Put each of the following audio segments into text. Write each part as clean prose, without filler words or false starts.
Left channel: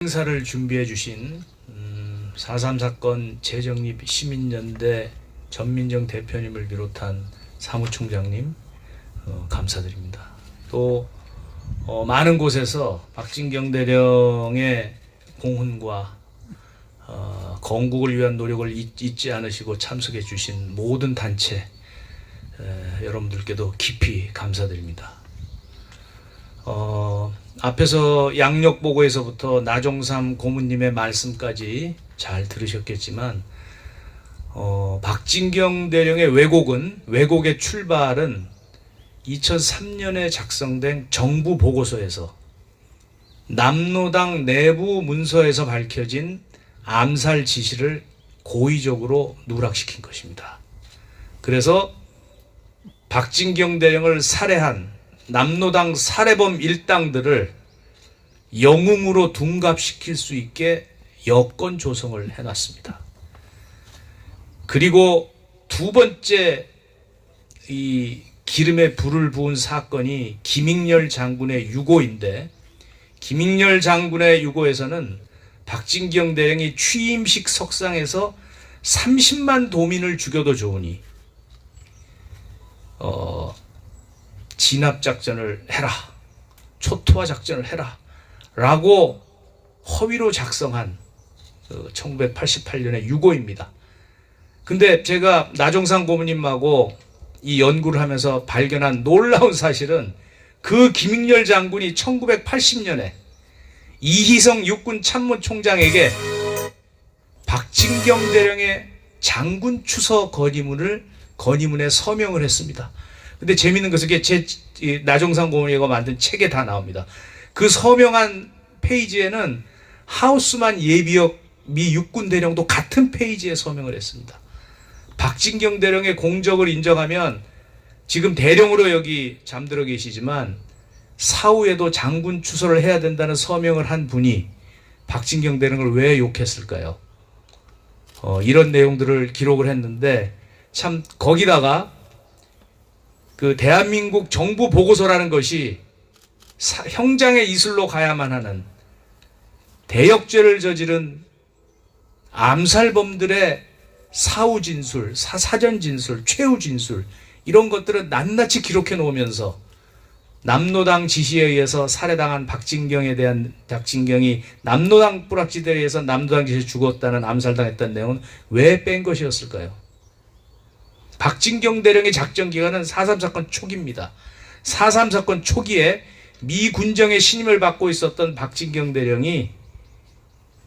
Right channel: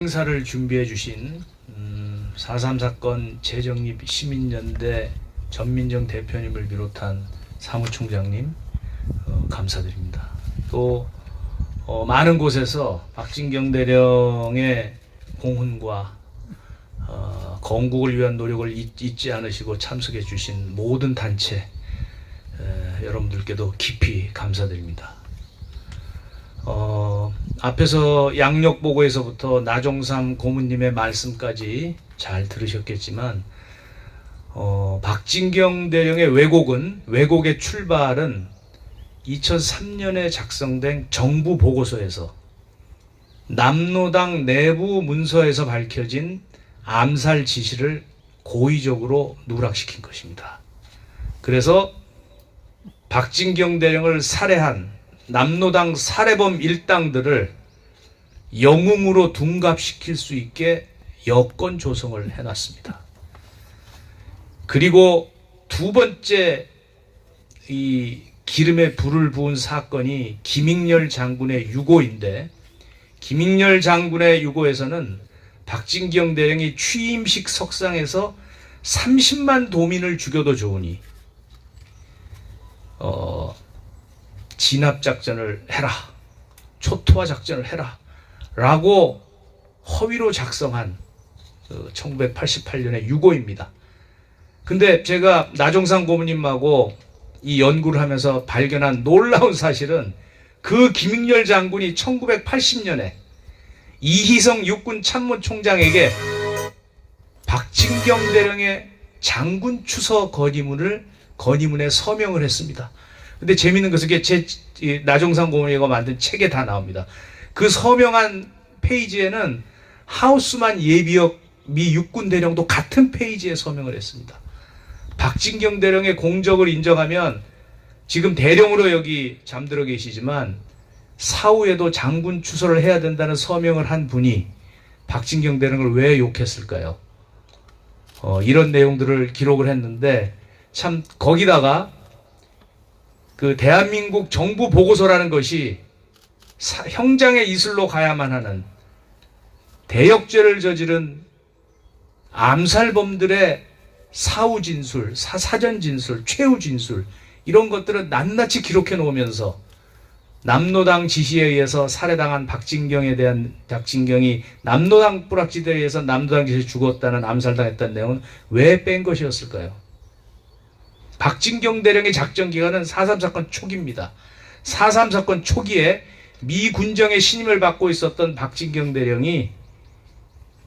행사를 준비해 주신 4.3 사건 재정립 시민연대 전민정 대표님을 비롯한 사무총장님 감사드립니다. 또 많은 곳에서 박진경 대령의 공훈과 건국을 위한 노력을 잊지 않으시고 참석해 주신 모든 단체 여러분들께도 깊이 감사드립니다. 앞에서 양력보고에서부터 나종삼 고문님의 말씀까지 잘 들으셨겠지만 박진경 대령의 왜곡의 출발은 2003년에 작성된 정부 보고서에서 남로당 내부 문서에서 밝혀진 암살 지시를 고의적으로 누락시킨 것입니다. 그래서 박진경 대령을 살해한 남로당 살해범 일당들을 영웅으로 둔갑시킬 수 있게 여건 조성을 해놨습니다. 그리고 두 번째 이 기름에 불을 부은 사건이 김익렬 장군의 유고인데, 김익렬 장군의 유고에서는 박진경 대령이 취임식 석상에서 30만 도민을 죽여도 좋으니 진압작전을 해라, 초토화 작전을 해라 라고 허위로 작성한 1988년의 유고입니다. 근데 제가 나종삼 고문님하고 이 연구를 하면서 발견한 놀라운 사실은 그 김익렬 장군이 1980년에 이희성 육군 참모총장에게 박진경 대령의 장군 추서 건의문에 서명을 했습니다. 근데 재미있는 것은 제 나종삼 고문이가 만든 책에 다 나옵니다. 그 서명한 페이지에는 하우스만 예비역 미 육군 대령도 같은 페이지에 서명을 했습니다. 박진경 대령의 공적을 인정하면 지금 대령으로 여기 잠들어 계시지만 사후에도 장군 추서를 해야 된다는 서명을 한 분이 박진경 대령을 왜 욕했을까요? 이런 내용들을 기록을 했는데 참 거기다가 그 대한민국 정부 보고서라는 것이 형장의 이슬로 가야만 하는 대역죄를 저지른 암살범들의 사후 진술, 사전 진술, 최후 진술 이런 것들을 낱낱이 기록해 놓으면서 남로당 지시에 의해서 살해당한 박진경이 남로당 뿌락지대에 의해서 남로당 지시에 죽었다는 암살당했다는 내용은 왜 뺀 것이었을까요? 박진경 대령의 작전 기간은 4.3 사건 초기입니다. 4.3 사건 초기에 미 군정의 신임을 받고 있었던 박진경 대령이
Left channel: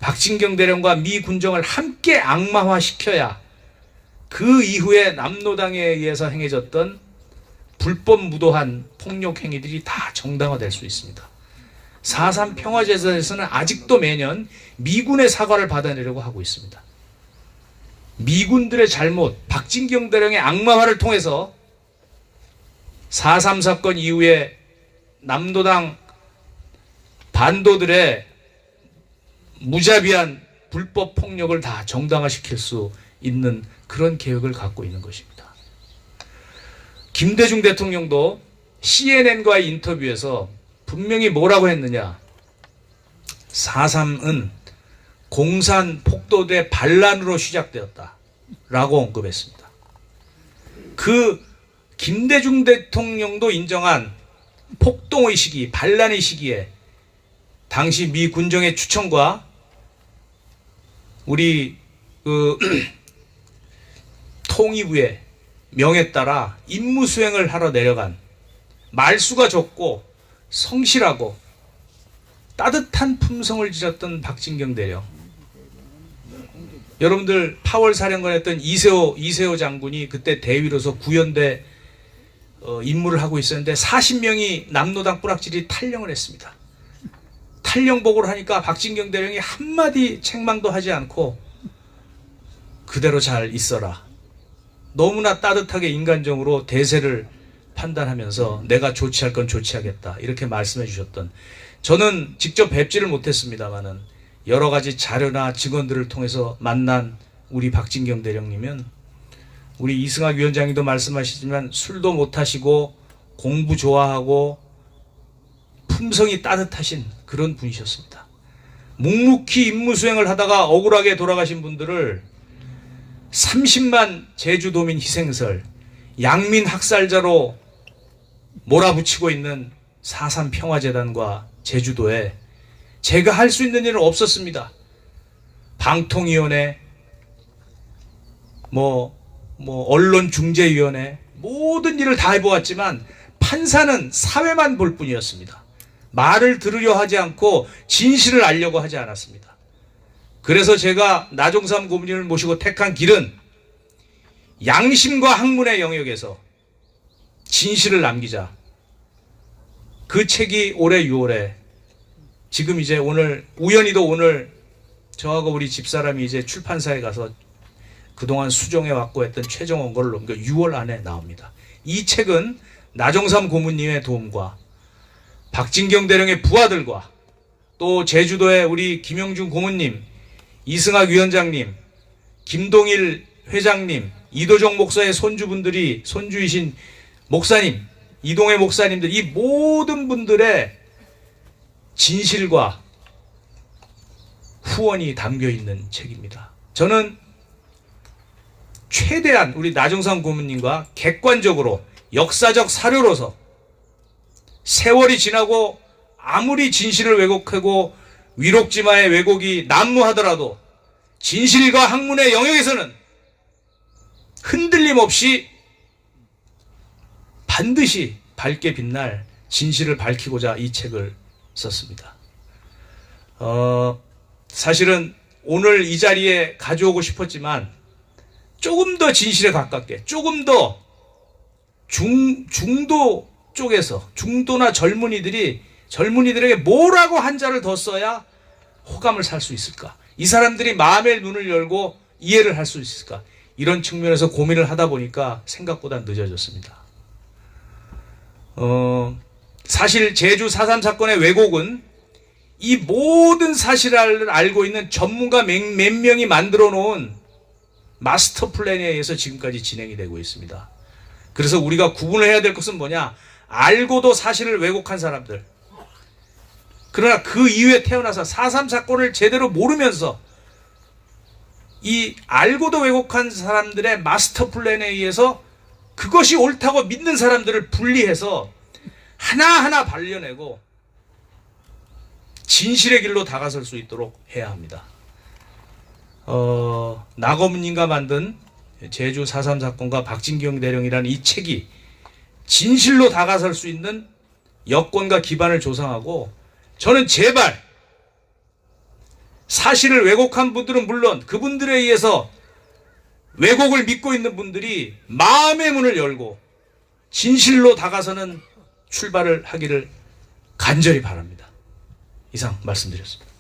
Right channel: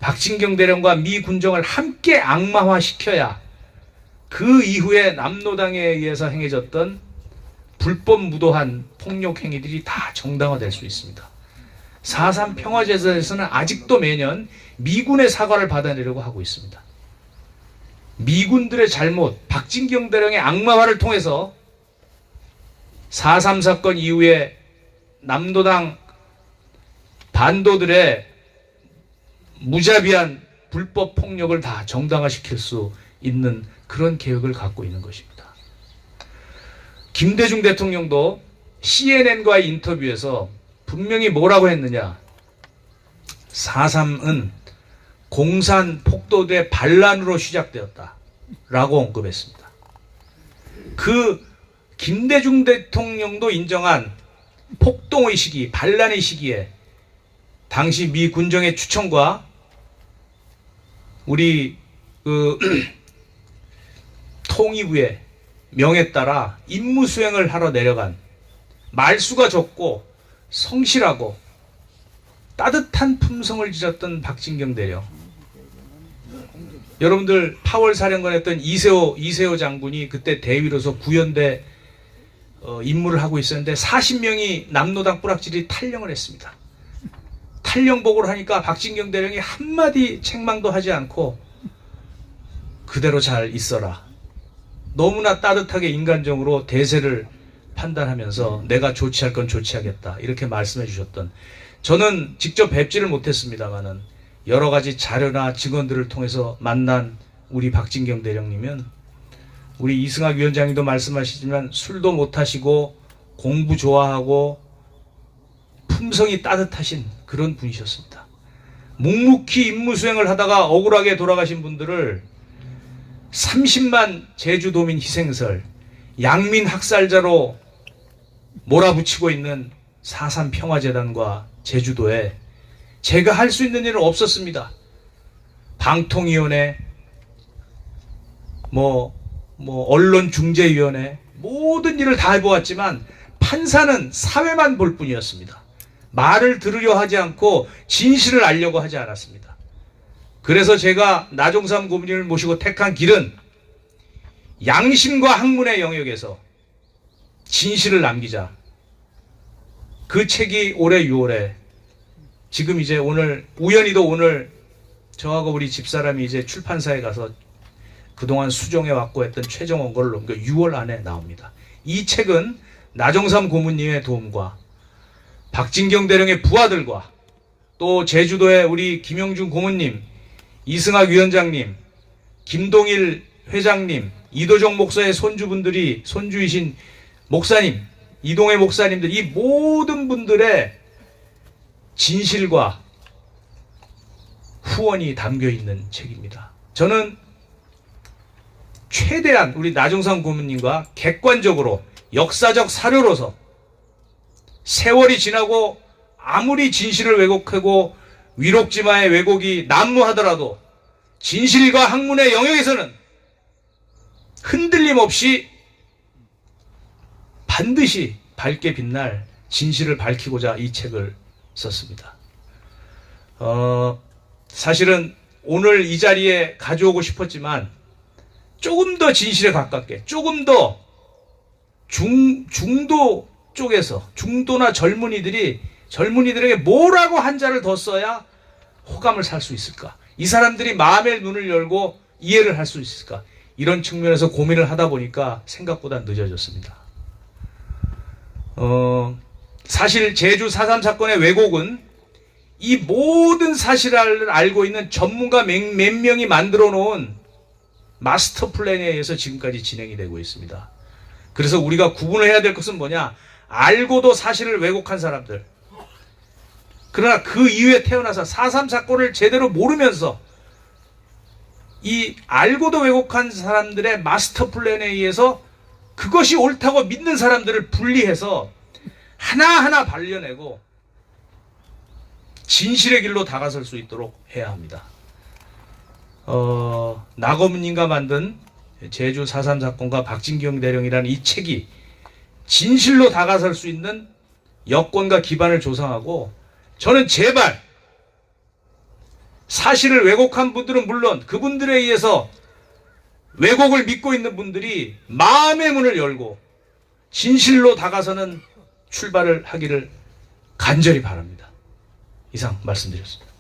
박진경 대령과 미 군정을 함께 악마화시켜야 그 이후에 남로당에 의해서 행해졌던 불법 무도한 폭력 행위들이 다 정당화될 수 있습니다. 4.3 평화제도에서는 아직도 매년 미군의 사과를 받아내려고 하고 있습니다. 미군들의 잘못, 박진경 대령의 악마화를 통해서 4.3 사건 이후에 남로당 반도들의 무자비한 불법 폭력을 다 정당화시킬 수 있는 그런 계획을 갖고 있는 것입니다. 김대중 대통령도 CNN과의 인터뷰에서 분명히 뭐라고 했느냐? 4.3은 공산 폭도대 반란으로 시작되었다 라고 언급했습니다. 그 김대중 대통령도 인정한 폭동의 시기, 반란의 시기에 당시 미 군정의 추천과 우리 통일부의 명에 따라 임무 수행을 하러 내려간 말수가 적고 성실하고 따뜻한 품성을 지녔던 박진경 대령. 여러분들 8월 사령관이었던 이세호 장군이 그때 대위로서 구연대 임무를 하고 있었는데 40명이 남로당 뿌락질이 탈영을 했습니다. 탈영 보고를 하니까 박진경 대령이 한마디 책망도 하지 않고 그대로 잘 있어라. 너무나 따뜻하게 인간적으로 대세를 판단하면서 내가 조치할 건 조치하겠다 이렇게 말씀해 주셨던, 저는 직접 뵙지를 못했습니다만은 여러 가지 자료나 증언들을 통해서 만난 우리 박진경 대령님은 우리 이승학 위원장님도 말씀하시지만 술도 못 하시고 공부 좋아하고 품성이 따뜻하신 그런 분이셨습니다. 묵묵히 임무 수행을 하다가 억울하게 돌아가신 분들을 30만 제주도민 희생설, 양민 학살자로 몰아붙이고 있는 4.3 평화재단과 제주도에 제가 할 수 있는 일은 없었습니다. 방통위원회, 언론중재위원회 모든 일을 다 해보았지만 판사는 사회만 볼 뿐이었습니다. 말을 들으려 하지 않고 진실을 알려고 하지 않았습니다. 그래서 제가 나종삼 고문님을 모시고 택한 길은 양심과 학문의 영역에서 진실을 남기자. 그 책이 올해 6월에 지금 이제 오늘 우연히도 오늘 저하고 우리 집사람이 이제 출판사에 가서 그동안 수정해 왔고 했던 최종 원고를 넘겨 6월 안에 나옵니다. 이 책은 나종삼 고문님의 도움과 박진경 대령의 부하들과 또 제주도의 우리 김영준 고문님, 이승학 위원장님, 김동일 회장님, 이도정 목사의 손주이신 목사님, 이동의 목사님들, 이 모든 분들의 진실과 후원이 담겨 있는 책입니다. 저는 최대한 우리 나종삼 고문님과 객관적으로 역사적 사료로서 세월이 지나고 아무리 진실을 왜곡하고 위록지마의 왜곡이 난무하더라도 진실과 학문의 영역에서는 흔들림 없이 반드시 밝게 빛날 진실을 밝히고자 이 책을 썼습니다. 사실은 오늘 이 자리에 가져오고 싶었지만 조금 더 진실에 가깝게, 조금 더 중도 쪽에서, 중도나 젊은이들에게 뭐라고 한자를 더 써야 호감을 살 수 있을까? 이 사람들이 마음의 눈을 열고 이해를 할 수 있을까? 이런 측면에서 고민을 하다 보니까 생각보다 늦어졌습니다. 사실 제주 4.3 사건의 왜곡은 이 모든 사실을 알고 있는 전문가 몇 명이 만들어 놓은 마스터 플랜에 의해서 지금까지 진행이 되고 있습니다. 그래서 우리가 구분을 해야 될 것은 뭐냐? 알고도 사실을 왜곡한 사람들. 그러나 그 이후에 태어나서 4.3 사건을 제대로 모르면서 이 알고도 왜곡한 사람들의 마스터 플랜에 의해서 그것이 옳다고 믿는 사람들을 분리해서 하나하나 발려내고 진실의 길로 다가설 수 있도록 해야 합니다. 나고문님과 만든 제주 4.3 사건과 박진경 대령이라는 이 책이 진실로 다가설 수 있는 여건과 기반을 조성하고, 저는 제발 사실을 왜곡한 분들은 물론 그분들에 의해서 왜곡을 믿고 있는 분들이 마음의 문을 열고 진실로 다가서는 출발을 하기를 간절히 바랍니다. 이상 말씀드렸습니다.